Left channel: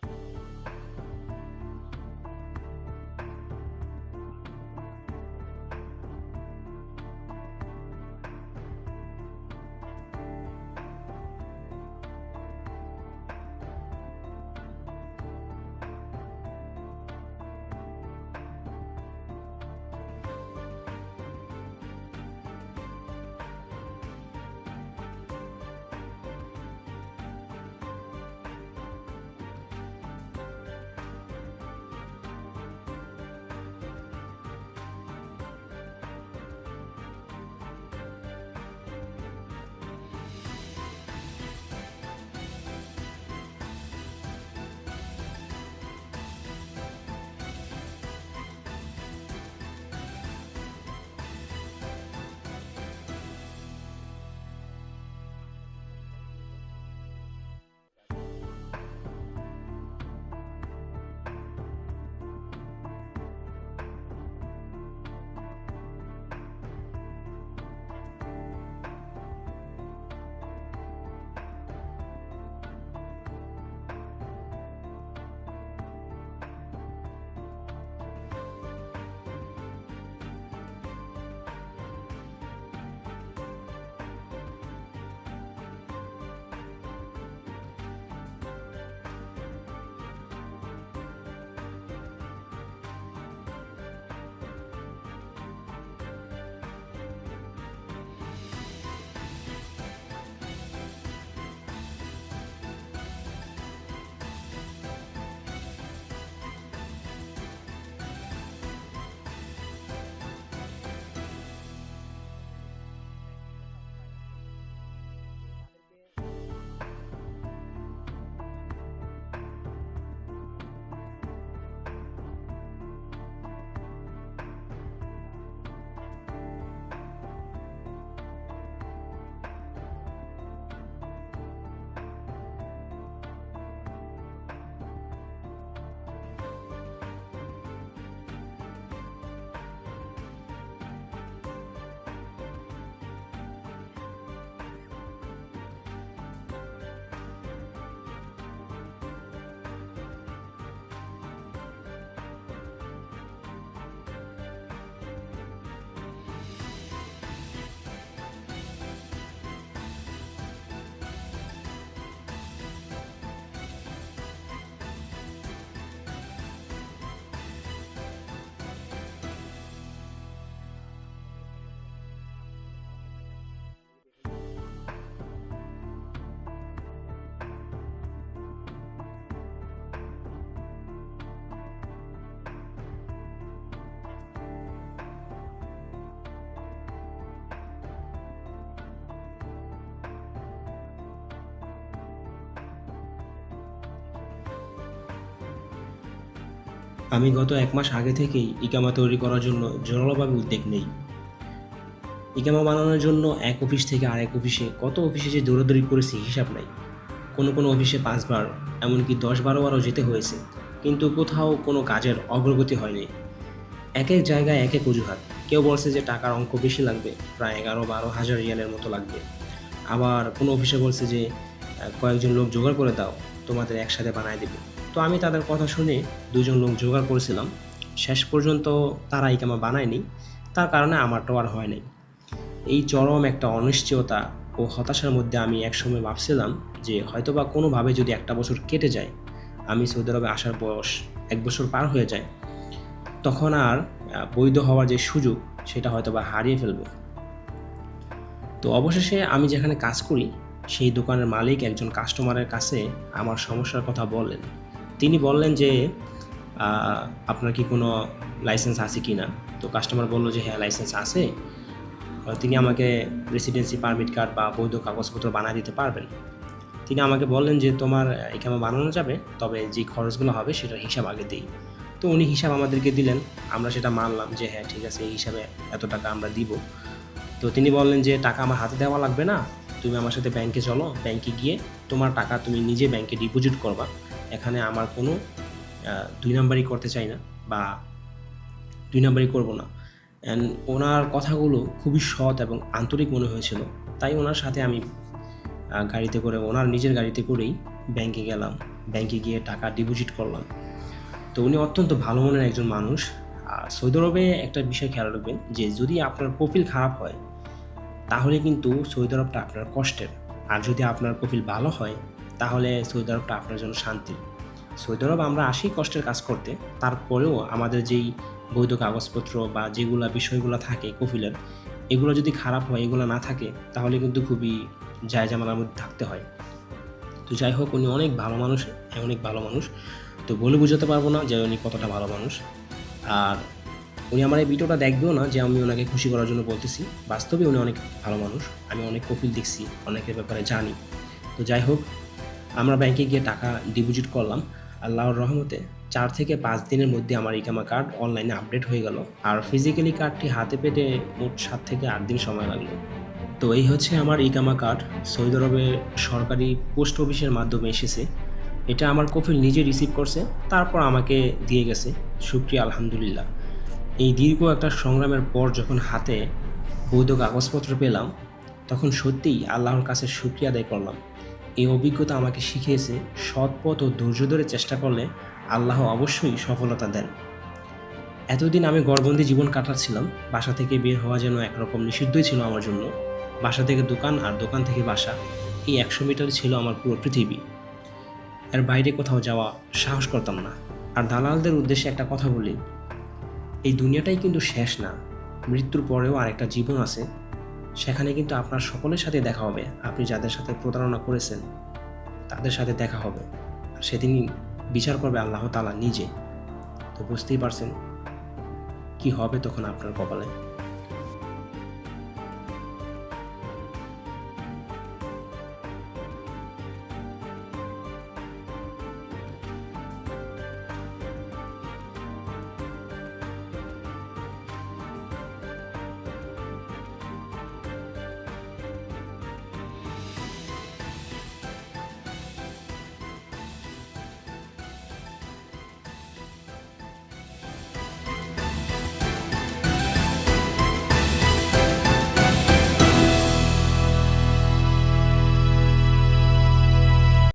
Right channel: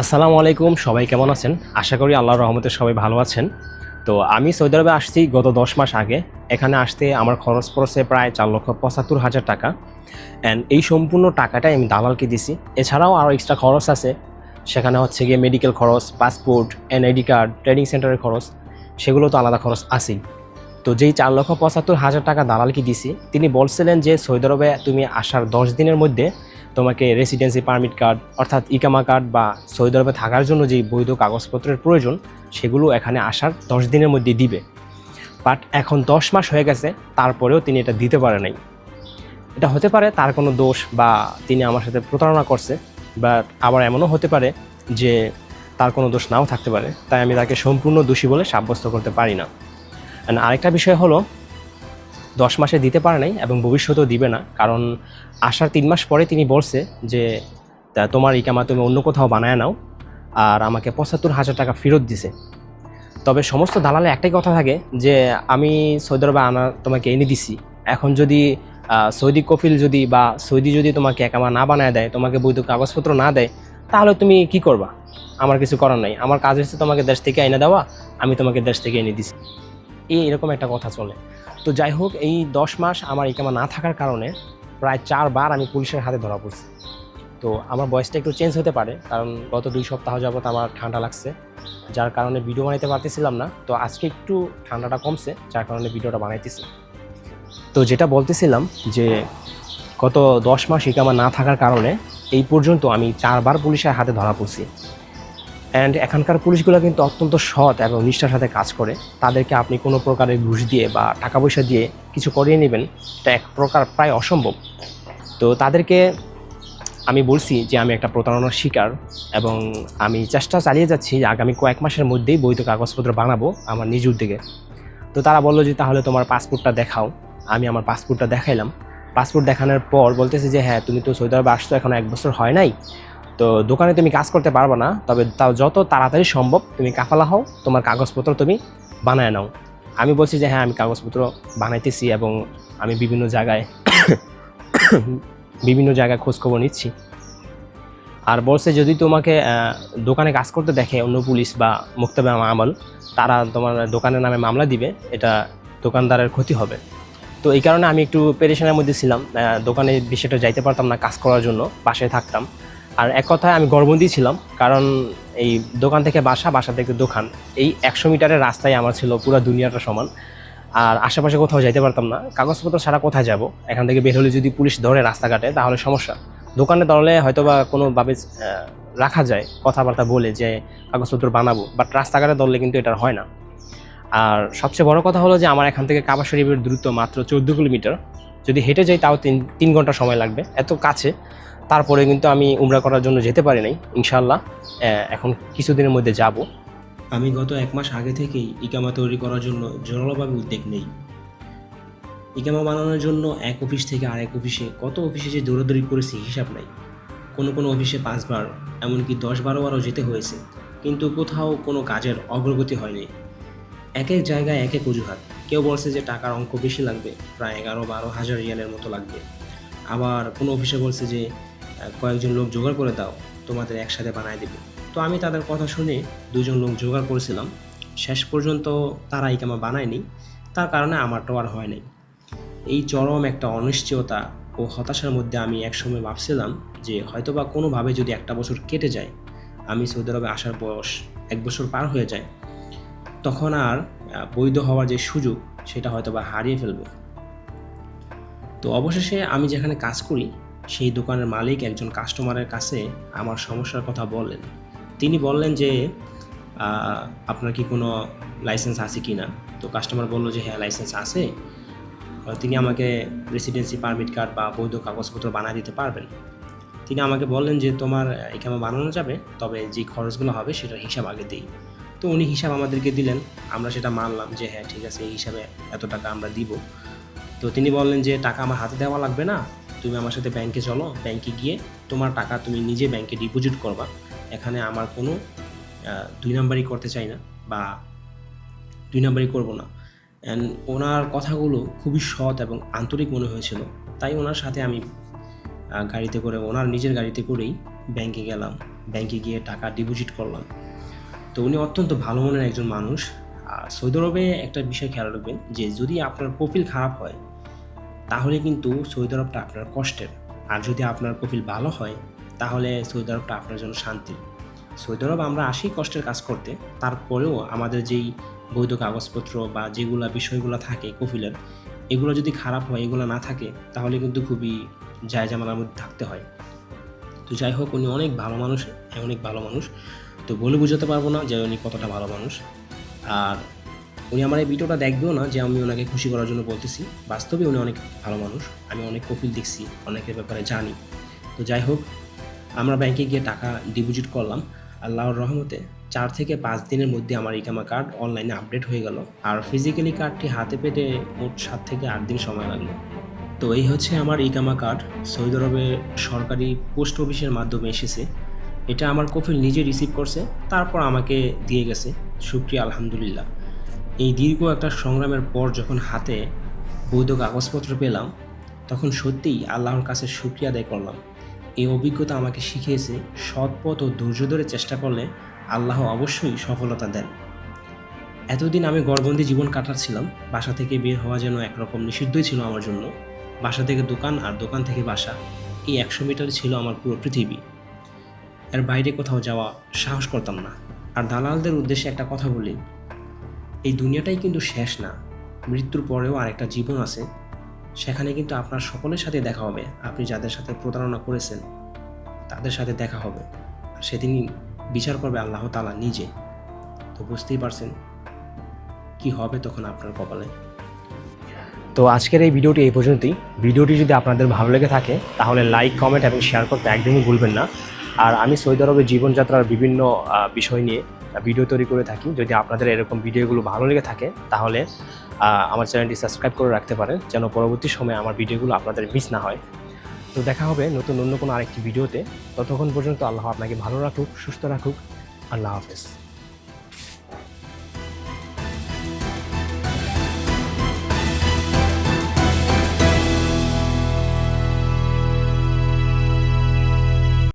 আসসালামু আলাইকুম, সবাই কেমন আছেন? আশা করি আল্লাহর রহমতে সবাই ভালো আছেন। তো আমি সৌদি আরবে আসছি গত ১০ মাস আগে। এখানে আসতে আমার খরচ পড়েছে প্রায় ৪,৭৫,০০০ টাকা। অ্যান্ড এই সম্পূর্ণ টাকাটাই আমি দালালকে দিছি। এছাড়াও আরও এক্সট্রা খরচ আছে। সেখানে হচ্ছে গিয়ে মেডিকেল খরচ, পাসপোর্ট, এনআইডি কার্ড, ট্রেনিং সেন্টারের খরচ, সেগুলো তো আলাদা খরচ আছেই। তো যেই ৪,৭৫,০০০ টাকা দালালকে দিছি, তিনি বলছিলেন যে সৌদি আরবে তুমি আসার ১০ দিনের মধ্যে তোমাকে রেসিডেন্সি পারমিট কার্ড অর্থাৎ ইকামা কার্ড বা সৌদি আরবে থাকার জন্য যেই বৈধ কাগজপত্রের প্রয়োজন সেগুলো এখানে আসার ১০ দিনের মধ্যে দিবে। বাট এখন ১০ মাস হয়ে গেছে, তারপরেও তিনি এটা দিতে পারে নাই। এটা হতে পারে তার কোনো দোষ বা তিনি আমার সাথে প্রতারণা করছে, বাট আবার এমনও হতে পারে যে তার কোনো দোষ নাও থাকতে পারে। তাই আমি তাকে সম্পূর্ণ দোষী বলে সাব্যস্ত করতে পারি না। অ্যান্ড আরেকটা বিষয় হলো ১০ মাসে দিতে পারে নাই এবং ভবিষ্যতেও দিবে না। কারণ আসার ৩ মাস পরে তিনি বলছে যে তোমার ইকামা তুমি অন্য কোথাও বানায় নাও, আর আমাকে ৭৫,০০০ টাকা ফেরত দিছে। তবে সমস্ত দালালে একটাই কথা থাকে যে আমি সৌদি আরবে তোমাকে এনে দিছি, এখন যদি সৌদি কফিল যদি বা সৌদি যদি তোমাকে একামা না বানায় দেয়, তোমাকে বৈধ কাগজপত্র না দেয়, তাহলে তুমি কি করবা? আমার কিছু করার নাই, আমার কাজ হচ্ছে তোমাকে দেশ থেকে এনে দেওয়া, আমি তোমাকে দেশ থেকে এনে দিছি। এরকম একটা কথা চলে। তো যাই হোক, এই ১০ মাস আমার ইকামা না থাকার কারণে প্রায় ৪ বার আমি পুলিশের হাতে ধরা পড়ছি। তো আমার ভয়েসটা একটু চেঞ্জ হতে পারে, কারণ গত ২ সপ্তাহ যাবত আমার ঠান্ডা লাগছে, যার কারণে ভিডিও বানাইতে পারতেছিলাম না। তো আজকে একটু ঠান্ডাটা কমছে, যার কারণে ভিডিওটা বানাইতেছি। তো যেটা বলতেছিলাম যে গত ১০ মাস ইকামা না থাকার কারণে এই পর্যন্ত আমি ৪ বার পুলিশের হাতে ধরা পড়ছি। অ্যান্ড এখানকার পুলিশগুলো কিন্তু অত্যন্ত সৎ এবং নিষ্ঠার সাথে কাজ করে। তাদেরকে আপনি কোনো প্রকারের ঘুষ দিয়ে বা টাকা পয়সা দিয়ে কিছু করিয়ে নেবেন, এটা এক প্রকার প্রায় অসম্ভব। তো তাদেরকে আমি বলছি যে আমি একটা প্রতারণার শিকার এবং আমি চেষ্টা চালিয়ে যাচ্ছি যে আগামী কয়েক মাসের মধ্যেই বৈধ কাগজপত্র বানাবো আমার নিজ উদ্যোগে। তো তারা বললো যে তাহলে তোমার পাসপোর্টটা দেখাও। আমি আমার পাসপোর্টটা দেখাইলাম। পাসপোর্ট দেখানোর পর বলতেছে যে হ্যাঁ, তুমি তো সৌদি আরবে আসছো, এখন ১ বছর হয় নাই, তো দোকানে তুমি কাজ করতে পারবে না, তবে তাও যত তাড়াতাড়ি সম্ভব তুমি কাফালা হও, তোমার কাগজপত্র তুমি বানায় নাও। আমি বলছি যে হ্যাঁ, আমি কাগজপত্র বানাইতেছি এবং আমি বিভিন্ন জায়গায় খোঁজখবর নিচ্ছি। আর বলছে যদি তোমাকে দোকানে কাজ করতে দেখে অন্য পুলিশ বা মুক্তাবে আমল, তারা তোমার দোকানের নামে মামলা দিবে, এটা দোকানদারের ক্ষতি হবে। তো এই কারণে আমি একটু পেরেশানের মধ্যে ছিলাম। দোকানে বিষয়টা যাইতে পারতাম না কাজ করার জন্য, বাসায় থাকতাম। আর এক কথায় আমি গর্ভবতী ছিলাম, কারণ এই দোকান থেকে বাসা থেকে দোকান, এই ১০০ মিটারের রাস্তায় আমার ছিল পুরো দুনিয়াটা সমান। আর আশেপাশে কোথাও যাইতে পারতাম না, কাগজপত্র ছাড়া কোথায় যাব? এখান থেকে বের হলে যদি পুলিশ ধরে রাস্তাঘাটে তাহলে সমস্যা। দোকানে ধরলে হয়তো বা কোনোভাবে রাখা যায়, কথাবার্তা বলে যে কাগজপত্র বানাবো, বাট রাস্তাঘাটে ধরলে কিন্তু এটা হয় না। আর সবচেয়ে বড় কথা হলো যে আমার এখান থেকে কাবা শরীফের দূরত্ব মাত্র ১৪ কিলোমিটার। যদি হেঁটে যাই তাও ৩ ঘন্টা সময় লাগবে, এত কাছে। তারপরে কিন্তু আমি উমরা করার জন্য যেতে পারি নাই। ইনশাআল্লাহ এখন কিছুদিনের মধ্যে যাব। আমি গত ১ মাস আগে থেকেই ইকামা তৈরি করার জন্য জোরালোভাবে উদ্যোগ নেই। ইকামা বানানোর জন্য এক অফিস থেকে আরেক অফিসে কত অফিসে যে দৌড়াদৌড়ি করেছি হিসাব নাই। কোনো অফিসে ৫ বার, এমনকি ১০-১২ বারও যেতে হয়েছে, কিন্তু কোথাও কোনো কাজের অগ্রগতি হয়নি। এক জায়গায় এক অজুহাত। কেউ বলছে যে টাকার অঙ্ক বেশি লাগবে, প্রায় ১১-১২ হাজার রিয়ালের মতো লাগবে। আবার কোনো অফিসে বলছে যে কয়েকজন লোক জোগাড় করে দাও, তোমাদের একসাথে বানায় দেবে। তো আমি তাদের কথা শুনে ২ জন লোক জোগাড় করেছিলাম। শেষ পর্যন্ত তারা ইকামা বানায়নি, তার কারণে আমারটাও আর হয় নাই। এই চরম একটা অনিশ্চয়তা ও হতাশার মধ্যে আমি একসময় ভাবছিলাম যে হয়তোবা কোনোভাবে যদি ১টা বছর কেটে যায়, আমি সৌদি আরবে আসার বয়স ১ বছর পার হয়ে যায়, তখন আর বৈধ হওয়ার যে সুযোগ সেটা হয়তোবা হারিয়ে ফেলবো। তো অবশেষে আমি যেখানে কাজ করি সেই দোকানের মালিক একজন কাস্টমারের কাছে আমার সমস্যার কথা বললেন। তিনি বললেন যে আপনার কি কোনো লাইসেন্স আছে কি না? তো কাস্টমার বলল যে হ্যাঁ, লাইসেন্স আছে। তিনি আমাকে রেসিডেন্সি পারমিট কার্ড বা বৈধ কাগজপত্র বানিয়ে দিতে পারবেন। তিনি আমাকে বললেন যে তোমার ইকামা বানানো যাবে, তবে যে খরচগুলো হবে সেটার হিসাব আগে দিই। তো উনি হিসাব আমাদেরকে দিলেন, আমরা সেটা মানলাম যে হ্যাঁ ঠিক আছে, এই হিসাবে এত টাকা আমরা দিব। তো তিনি বললেন যে টাকা আমার হাতে দেওয়া লাগবে না, তুমি আমার সাথে ব্যাংকে চলো, ব্যাংকে গিয়ে তোমার টাকা তুমি নিজে ব্যাংকে ডিপোজিট করবা। এখানে আমার কোনো ২ নাম্বারই করতে চাই না বা ২ নাম্বারই করবো না। অ্যান্ড ওনার কথাগুলো খুবই সৎ এবং আন্তরিক মনে হয়েছিল। তাই ওনার সাথে আমি গাড়িতে করে, ওনার নিজের গাড়িতে করেই ব্যাংকে গেলাম। ব্যাংকে গিয়ে টাকা ডিপোজিট করলাম। তো উনি অত্যন্ত ভালো মনের একজন মানুষ। আর সৌদি আরবে একটা বিষয় খেয়াল রাখবেন যে যদি আপনার কফিল খারাপ হয় তাহলে কিন্তু সৌদি আরবটা আপনার কষ্টের, আর যদি আপনার কফিল ভালো হয় তাহলে সৌদি আরবটা আপনার জন্য শান্তি। সৌদি আরব আমরা আসি কষ্টের কাজ করতে, তারপরেও আমাদের যেই বৈধ কাগজপত্র বা যেগুলো বিষয়গুলো থাকে কফিলের, এগুলো যদি খারাপ হয়, এগুলো না থাকে, তাহলে কিন্তু খুবই জায়জামালার মধ্যে থাকতে হয়। তো যাই হোক, উনি অনেক ভালো মানুষ, অনেক ভালো মানুষ। তো বলে বোঝাতে পারবো না যে উনি কতটা ভালো মানুষ। আর উনি আমার এই ভিডিওটা দেখবেও না যে আমি ওনাকে খুশি করার জন্য বলতেছি, বাস্তবে উনি অনেক ভালো মানুষ। আমি অনেক কফিল দেখছি, অনেকের ব্যাপারে জানি। তো যাই হোক, আমরা ব্যাংকে গিয়ে টাকা ডিপোজিট করলাম। আল্লাহর রহমতে 4 থেকে 5 দিনের মধ্যে আমার ইকামা কার্ড অনলাইনে আপডেট হয়ে গেল, আর ফিজিক্যালি কার্ডটি হাতে পেতে মোট 7 থেকে 8 দিন সময় লাগলো। তো এই হচ্ছে আমার ইকামা কার্ড, সৌদি আরবের সরকারি পোস্ট অফিসের মাধ্যমে এসেছে। এটা আমার কফিল নিজে রিসিভ করছে, তারপর আমাকে দিয়ে গেছে। শুকরিয়া, আলহামদুলিল্লাহ। এই দীর্ঘ একটা সংগ্রামের পর যখন হাতে বৈধ কাগজপত্র পেলাম, তখন সত্যিই আল্লাহর কাছে শুকরিয়া আদায় করলাম। এই অভিজ্ঞতা আমাকে শিখিয়েছে সৎ পথ ও ধৈর্য ধরে চেষ্টা করলে আল্লাহ অবশ্যই সফলতা দেন। এতদিন আমি ঘরবন্দি জীবন কাটাচ্ছিলাম, বাসা থেকে বের হওয়া যেন একরকম নিষিদ্ধই ছিল আমার জন্য। বাসা থেকে দোকান আর দোকান থেকে বাসা, এই 100 মিটারই ছিল আমার পুরো পৃথিবী। এর বাইরে কোথাও যাওয়া সাহস করতাম না। আর দালালদের উদ্দেশ্যে একটা কথা বলি, এই দুনিয়াটাই কিন্তু শেষ না, মৃত্যুর পরেও আরেকটা জীবন আছে। সেখানে কিন্তু আপনার সকলের সাথে দেখা হবে। আপনি যাদের সাথে প্রতারণা করেছেন তাদের সাথে দেখা হবে, আর সেদিনই বিচার করবে আল্লাহ তাআলা নিজে। তো বুঝতেই পারছেন কি হবে তখন আপনার কপালে। তো আজকের এই ভিডিওটি এই পর্যন্তই। ভিডিওটি যদি আপনাদের ভালো লেগে থাকে তাহলে লাইক, কমেন্ট এবং শেয়ার করতে একদমই ভুলবেন না। আর আমি সৌদি আরবের জীবনযাত্রার বিভিন্ন বিষয় নিয়ে ভিডিও তৈরি করে থাকি। যদি আপনাদের এরকম ভিডিওগুলো ভালো লেগে থাকে তাহলে আমার চ্যানেলটি সাবস্ক্রাইব করে রাখতে পারেন, যেন পরবর্তী সময়ে আমার ভিডিওগুলো আপনাদের মিস না হয়। তো দেখা হবে নতুন অন্য কোনো আরেকটি ভিডিওতে। ততক্ষণ পর্যন্ত আল্লাহ আপনাকে ভালো রাখুক, সুস্থ রাখুক। আল্লাহ হাফেজ।